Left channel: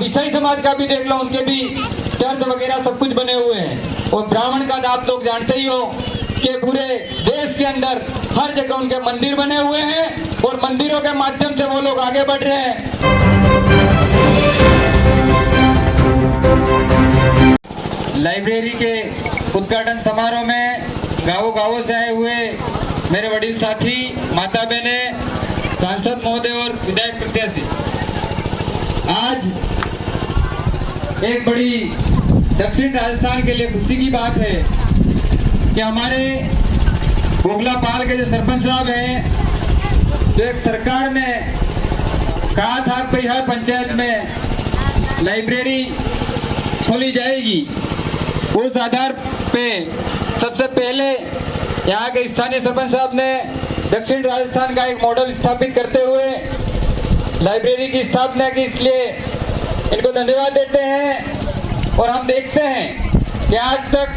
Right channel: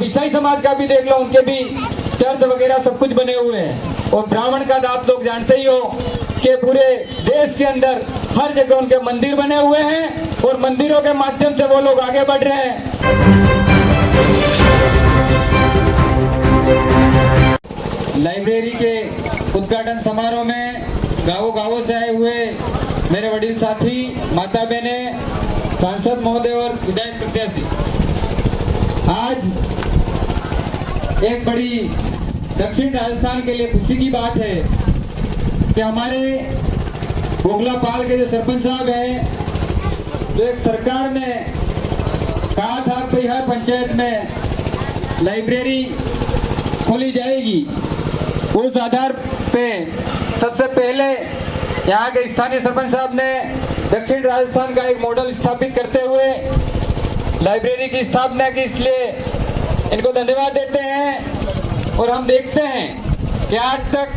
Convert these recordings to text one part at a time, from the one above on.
आप ईसाई समाज का भी देख लो, उनके भी चर्च वगैरह सब कुछ बने हुए हैं। और ब्राह्मण का तो आप लोग जानते ही हो कि पूरे देश के अंदर हर जगह उनके मंदिर बने हुए हैं और मंदिरों के माध्यम से वो लोग आगे बढ़ रहे हैं। लाइब्रेरी के उद्घाटन समारोह में गांवों गांवों से आए हुए मेरे वडील साथी, माता बहने, सांसद महोदय और विधायक प्रत्याशी, आज एक बड़ी दक्षिण राजस्थान के लिए खुशी की बात है कि हमारे गोगलापाल के जो सरपंच साहब हैं, तो एक सरकार ने कहा था कि हर पंचायत में लाइब्रेरी खोली जाएगी। उस आधार पे सबसे पहले यहाँ के स्थानीय सरपंच साहब ने दक्षिण राजस्थान का एक मॉडल स्थापित करते हुए लाइब्रेरी की स्थापना की, इसलिए इनको धन्यवाद देते हैं। और हम देखते हैं कि आज तक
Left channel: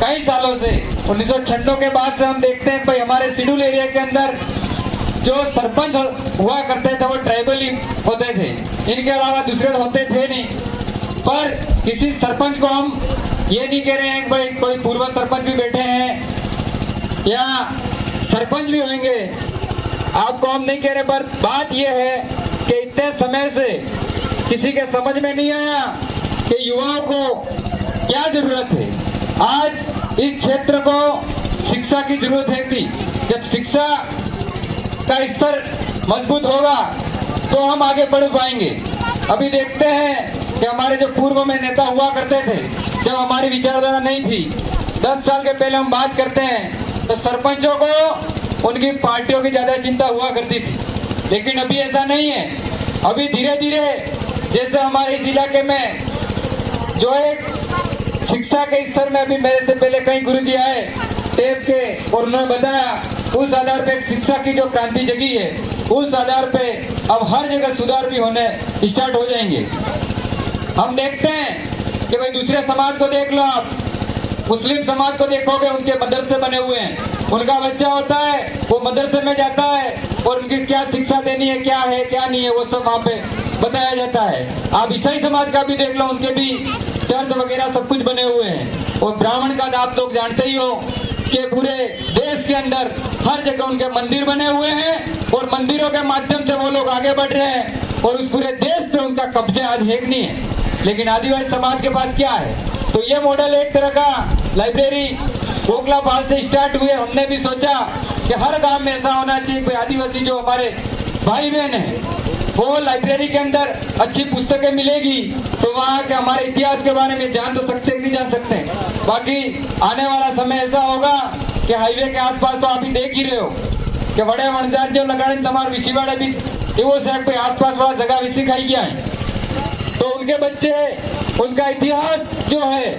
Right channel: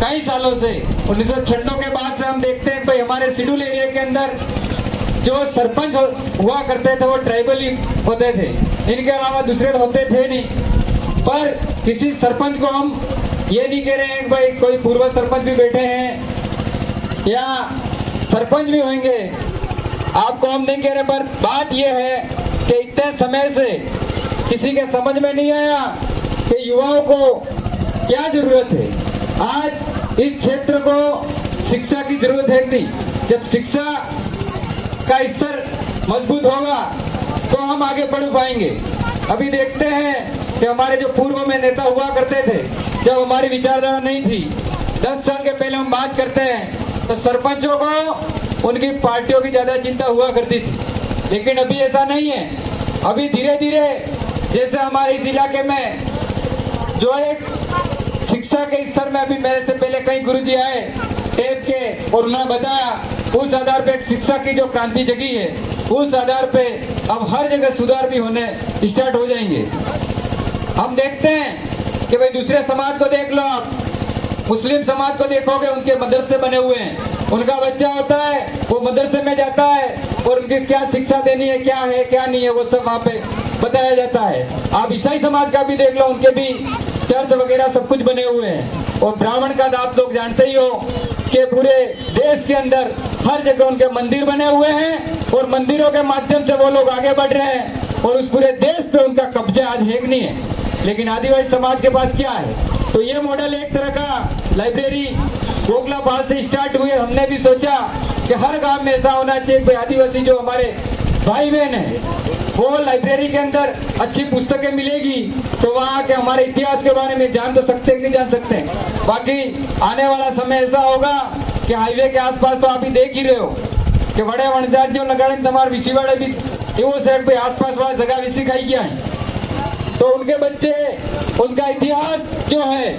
कई सालों से 1996 के बाद से हम देखते हैं भाई हमारे शेड्यूल एरिया के अंदर जो सरपंच हुआ करते थे वो ट्राइबल ही होते थे, इनके अलावा दूसरे होते थे नहीं। पर किसी सरपंच को हम ये नहीं कह रहे हैं भाई कोई पूर्व सरपंच भी बैठे हैं या सरपंच भी होंगे, आपको हम नहीं कह रहे, पर बात यह है कि इतने समय से किसी के समझ में नहीं आया कि युवाओं को क्या जरूरत है। आज इस क्षेत्र को शिक्षा की जरूरत है थी। जब शिक्षा का स्तर मजबूत होगा तो हम आगे बढ़ पाएंगे। अभी देखते हैं कि हमारे जो पूर्व में नेता हुआ करते थे, जब हमारी विचारधारा नहीं थी, 10 साल के पहले हम बात करते हैं तो सरपंचों को उनकी पार्टियों की ज्यादा चिंता हुआ करती थी, लेकिन अभी ऐसा नहीं है। अभी धीरे धीरे जैसे हमारे इस इलाके में जो एक शिक्षा के स्तर में, अभी मेरे से पहले कई गुरुजी आए टेप के और उन्होंने बताया, उस आधार पे शिक्षा की जो क्रांति जगी है, उस आधार पे अब हर जगह सुधार भी होने स्टार्ट हो जाएंगे। हम देखते हैं कि भाई दूसरे समाज को देख लो, आप मुस्लिम समाज को देखोगे, उनके मदरसे बने हुए हैं, उनका बच्चा होता है वो मदरसे में जाता है और उनकी क्या शिक्षा देनी है, क्या है क्या नहीं है, वो सब वहाँ पे बताया जाता है। आप ईसाई समाज का भी देख लो, उनके भी चर्च वगैरह सब कुछ बने हुए हैं। और ब्राह्मण का तो आप लोग जानते ही हो कि पूरे देश के अंदर हर जगह उनके मंदिर बने हुए हैं और मंदिरों के माध्यम से वो लोग आगे बढ़ रहे हैं और उस पूरे देश पे उनका कब्जा आज है नहीं है। लेकिन आदिवासी समाज के पास क्या है? तो ये मॉडल एक तरह का लाइब्रेरी गोगलापाल से स्टार्ट हुए। हमने भी सोचा कि हर गांव में ऐसा होना चाहिए कि आदिवासी जो हमारे भाई बहन है वो लाइब्रेरी के अंदर अच्छी पुस्तकें मिलेगी तो वहाँ के हमारे इतिहास के बारे में जान तो सकते नहीं जान सकते। बाकी आने वाला समय ऐसा होगा कि हाईवे के आसपास तो आप ही देख ही रहे हो कि बड़े वनजात जो लगाने तमार विशीवाड़े भी वो साहब कोई आसपास वाला जगह विसी खाई गया है, तो उनके बच्चे उनका इतिहास जो है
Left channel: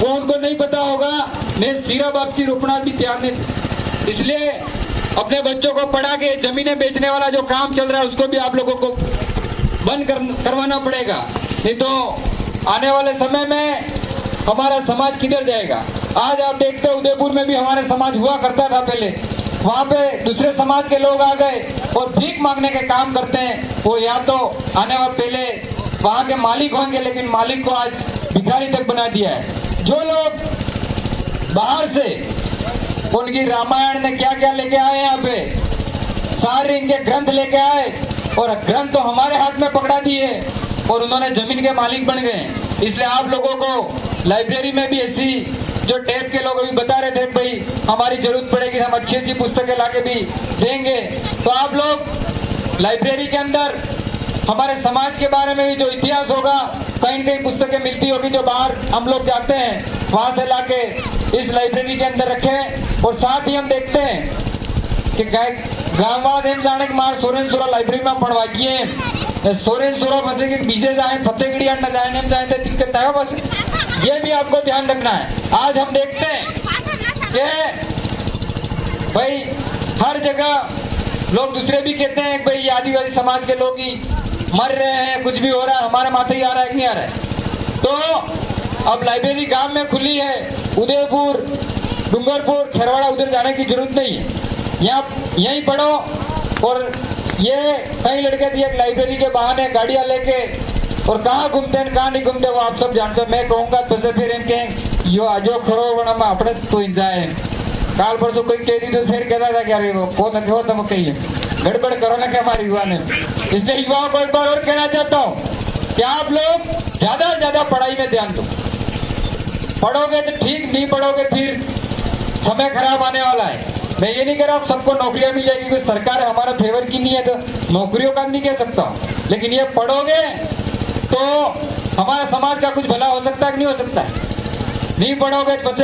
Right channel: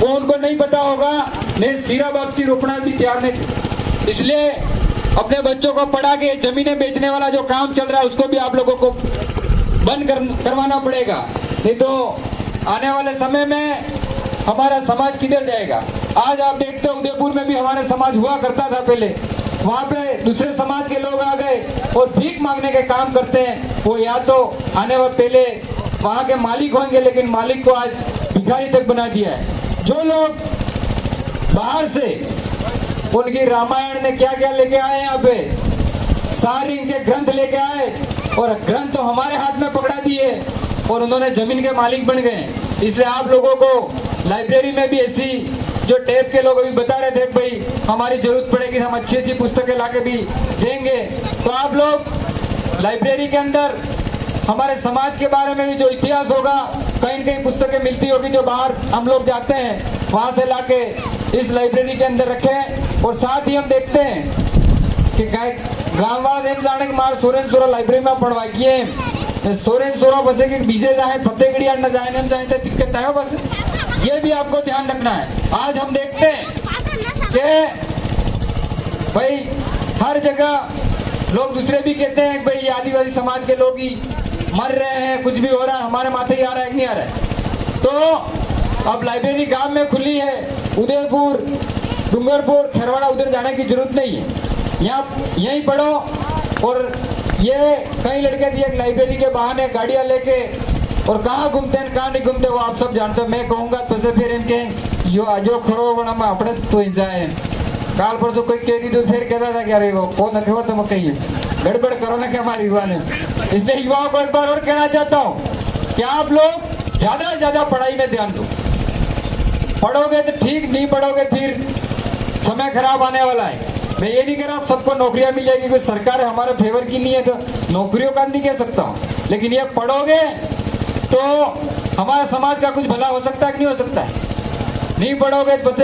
वो उनको नहीं पता होगा। मैं सीरा बापसी रोपना भी तैयार नहीं, इसलिए अपने बच्चों को पढ़ा के जमीनें बेचने वाला जो काम चल रहा है उसको भी आप लोगों को बंद करवाना पड़ेगा, नहीं तो आने वाले समय में हमारा समाज किधर जाएगा। आज आप देखते हो उदयपुर में भी हमारे समाज हुआ करता था पहले, वहाँ पे दूसरे समाज के लोग आ गए और भीख मांगने के काम करते हैं। वो या तो आने वाले पहले वहाँ के मालिक होंगे, लेकिन मालिक को आज भिखारी तक बना दिया है। जो लोग बाहर से उनकी रामायण ने क्या क्या लेके आए, यहाँ पे सारे इनके ग्रंथ लेके आए और ग्रंथ तो हमारे हाथ में पकड़ा दिए और उन्होंने जमीन के मालिक बन गए। इसलिए आप लोगों को लाइब्रेरी में भी ऐसी जो टेप के लोग अभी बता रहे थे भाई हमारी जरूरत पड़ेगी, हम अच्छी अच्छी पुस्तकें लाके भी देंगे, तो आप लोग लाइब्रेरी के अंदर हमारे समाज के बारे में भी जो इतिहास होगा, कहीं कहीं पुस्तकें मिलती होगी जो बाहर हम लोग जाते हैं वहां से लाके इस लाइब्रेरी के अंदर रखें। और साथ ही हम देखते हैं कि गाँव वाला देम जाने के मार सोरेन सोरा लाइब्रेरी में पढ़वा किए सोरेन सोरा बसे के बीजे जाए फतेहगढ़ी न जाए नेम जाए तो दिक्कत है। बस ये भी आपको ध्यान रखना है। आज हम देखते हैं कि भाई हर जगह लोग दूसरे भी कहते हैं कि भाई आदिवासी समाज के लोग ही मर रहे हैं, कुछ भी हो रहा है, हमारे माथे ही आ रहा है कि नहीं आ रहा है। तो अब लाइब्रेरी गांव में खुली है, उदयपुर, डूंगरपुर, खेरवाड़ा उधर जाने की जरूरत नहीं है, यहाँ यहीं पढ़ो और ये कई लड़के थी एक लाइब्रेरी के बहाने गाड़ियां लेके और कहाँ घूमते हैं कहाँ नहीं घूमते वो आप सब जानते हो। मैं कहूंगा तो से फिर इनके यो आजो खरो वणा આપણે તો जाए काल परसों कोई कह दी तो फिर कहता था कि अरे वो कौन है वो तुम कहिए गड़बड़ करो ना क्या हमारे युवा ने। इसलिए युवाओं को एक बार और कहना चाहता हूँ कि आप लोग ज्यादा से ज्यादा पढ़ाई में ध्यान दो। पढ़ोगे तो ठीक, नहीं पढ़ोगे फिर समय खराब आने वाला है। मैं ये नहीं कह रहा आप सबको नौकरियां मिल जाएगी क्योंकि सरकार हमारे फेवर की नहीं है तो नौकरियों का नहीं कह सकता हूँ, लेकिन ये पढ़ोगे तो हमारे समाज का कुछ भला हो सकता है कि नहीं हो सकता है। नहीं पढ़ोगे तो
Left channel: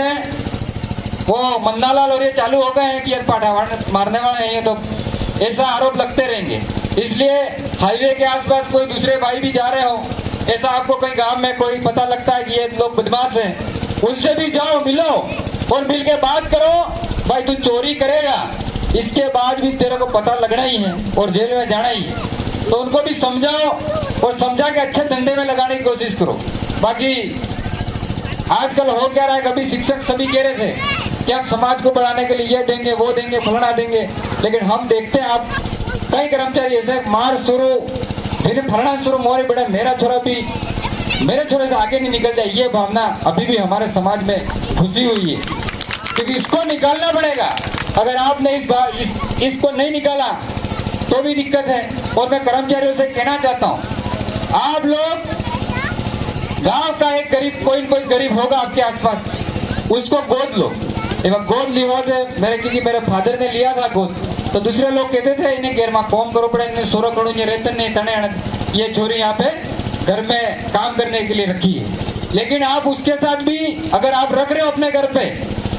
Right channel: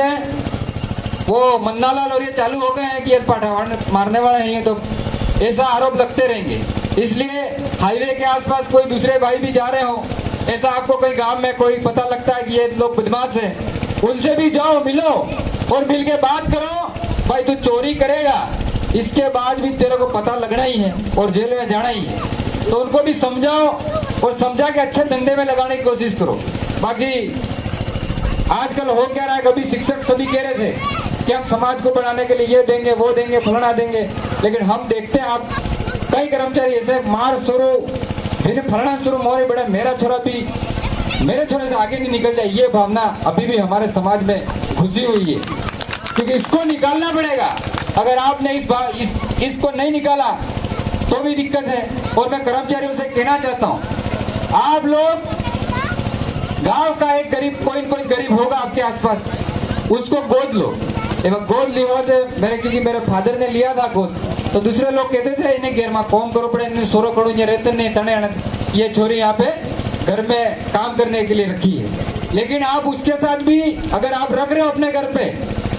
वो मन्नालाल और ये चालू हो गए हैं कि ये पाठा मारने वाले हैं, ये तो ऐसा आरोप लगते रहेंगे। इसलिए हाईवे के आसपास कोई दूसरे भाई भी जा रहे हो, ऐसा आपको कहीं गांव में कोई पता लगता है कि ये लोग बदमाश हैं, उनसे भी जाओ मिलो और मिल के बात करो। भाई तू चोरी करेगा इसके बाद भी तेरे को पता लगना ही है और जेल में जाना ही है, तो उनको भी समझाओ और समझा के अच्छे धंधे में लगाने की कोशिश करो। बाकी आजकल हो क्या रहा है, कभी शिक्षक सभी कह रहे थे कि आप समाज को बढ़ाने के लिए ये देंगे वो देंगे फलाना देंगे, लेकिन हम देखते हैं आप कई कर्मचारी ऐसे मार शुरू फिर फलाना शुरू मोरे बड़े मेरा छोरा भी मेरे छोरे से आगे नहीं निकल जाए, ये भावना अभी भी हमारे समाज में घुसी हुई है, क्योंकि इसको निकालना पड़ेगा। अगर आपने इसको नहीं निकाला तो भी दिक्कत है। और मैं कर्मचारियों से कहना चाहता हूँ, आप लोग गांव का एक गरीब कोई गरीब होगा आपके आसपास, उसको गोद लो। गोद लिया थे मेरे फादर ने लिया था गोद, तो दूसरे लोग कहते थे इन्हें घेर में कौन करो पड़े, इन्हें 16 करोड़ रहते नहीं तने, ये छोरी यहाँ पे घर में काम करने के लिए रखी है। लेकिन आप उसके साथ भी अगर आप रख रहे हो अपने घर पे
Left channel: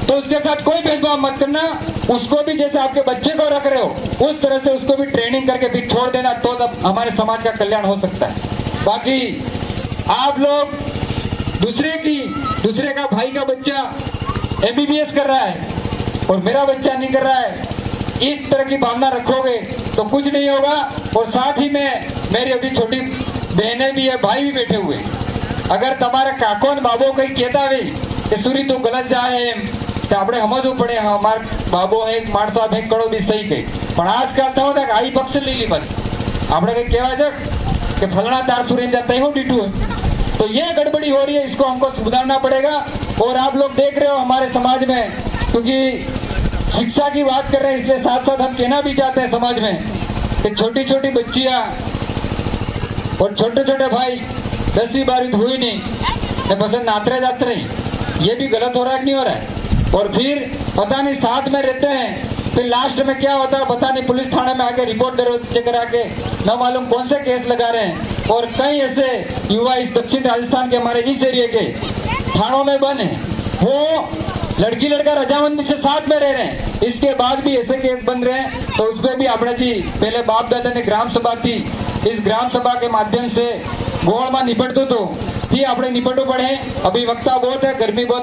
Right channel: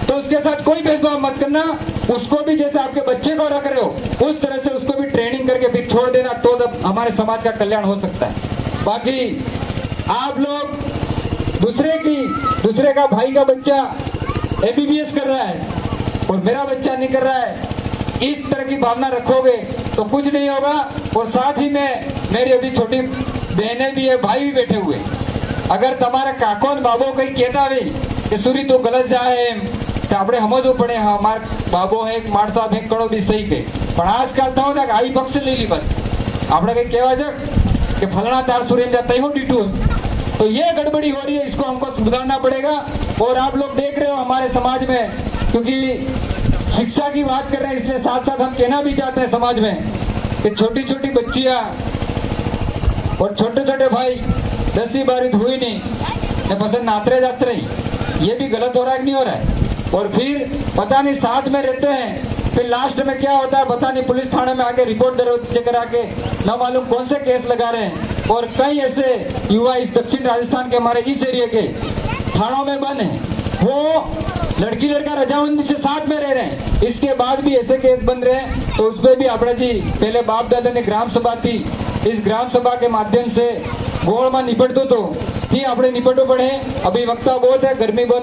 तो उसके साथ कोई भेदभाव मत करना, उसको भी जैसे आपके बच्चे को रख रहे हो उस तरह से उसको भी ट्रेनिंग करके फिर छोड़ देना, तो तब हमारे समाज का कल्याण हो सकता है। बाकी आप लोग दूसरे का भाई का बच्चा MBBS कर रहा है और मेरा बच्चा नहीं कर रहा है, इस तरह की भावना रखोगे तो कुछ नहीं होगा। और साथ ही में मेरी अभी छोटी बहनें भी है, भाई भी बैठे हुए, अगर तुम्हारे काको ने बाबो कहीं कहता है कि सूरी तो गलत जा है तो આપણે સમજવું પડે હા અમાર બાબો એક માણસા ભેગ કરો બી સહી કઈ, પણ આજકાલ તો હોતા કે આઈ પક્ષ લઈ લી બસ આપણે કઈ કહેવા છે કે ફલાણા તાર સુરેન્દ્ર તઈ डीटू है, तो ये गड़बड़ी हो रही है, इसको हमको सुधारना पड़ेगा। और आप लोग देख रहे हो हमारे समाज में, क्योंकि शिक्षा की बात कर रहे हैं इसलिए साथ साथ हम कहना भी चाहते हैं समाज में कि छोटी छोटी बच्चियां और छोटे छोटे भाई 10वीं 12वीं हुई नहीं पसंद नातरे जाते रही, ये भी गलत हो रहा है कि नहीं हो रहा है। और फिर पता नहीं साथ में रहते हैं, फिर लास्ट में क्या होता है पता नहीं, पुलिस थाने में आके रिपोर्ट दर्ज करा के न मालूम कौन से केस लगा रहे हैं। और कई ऐसे युवा इस दक्षिण राजस्थान के हमारे इस एरिया के थानों में बंद हैं, वो लड़की लड़का रजामंदी से साथ में रह रहे हैं, इसके बाद भी ऐसे केस बन रहे हैं। तो उसमें भी આપણે जी पहले बाप दादा ने ग्राम सभा थी, इस ग्राम सभा के माध्यम से गोड़ में निपटतो तो थी આપણે निपटવું પડે। अभी वक्ता बहुत है, गर्मी बहुत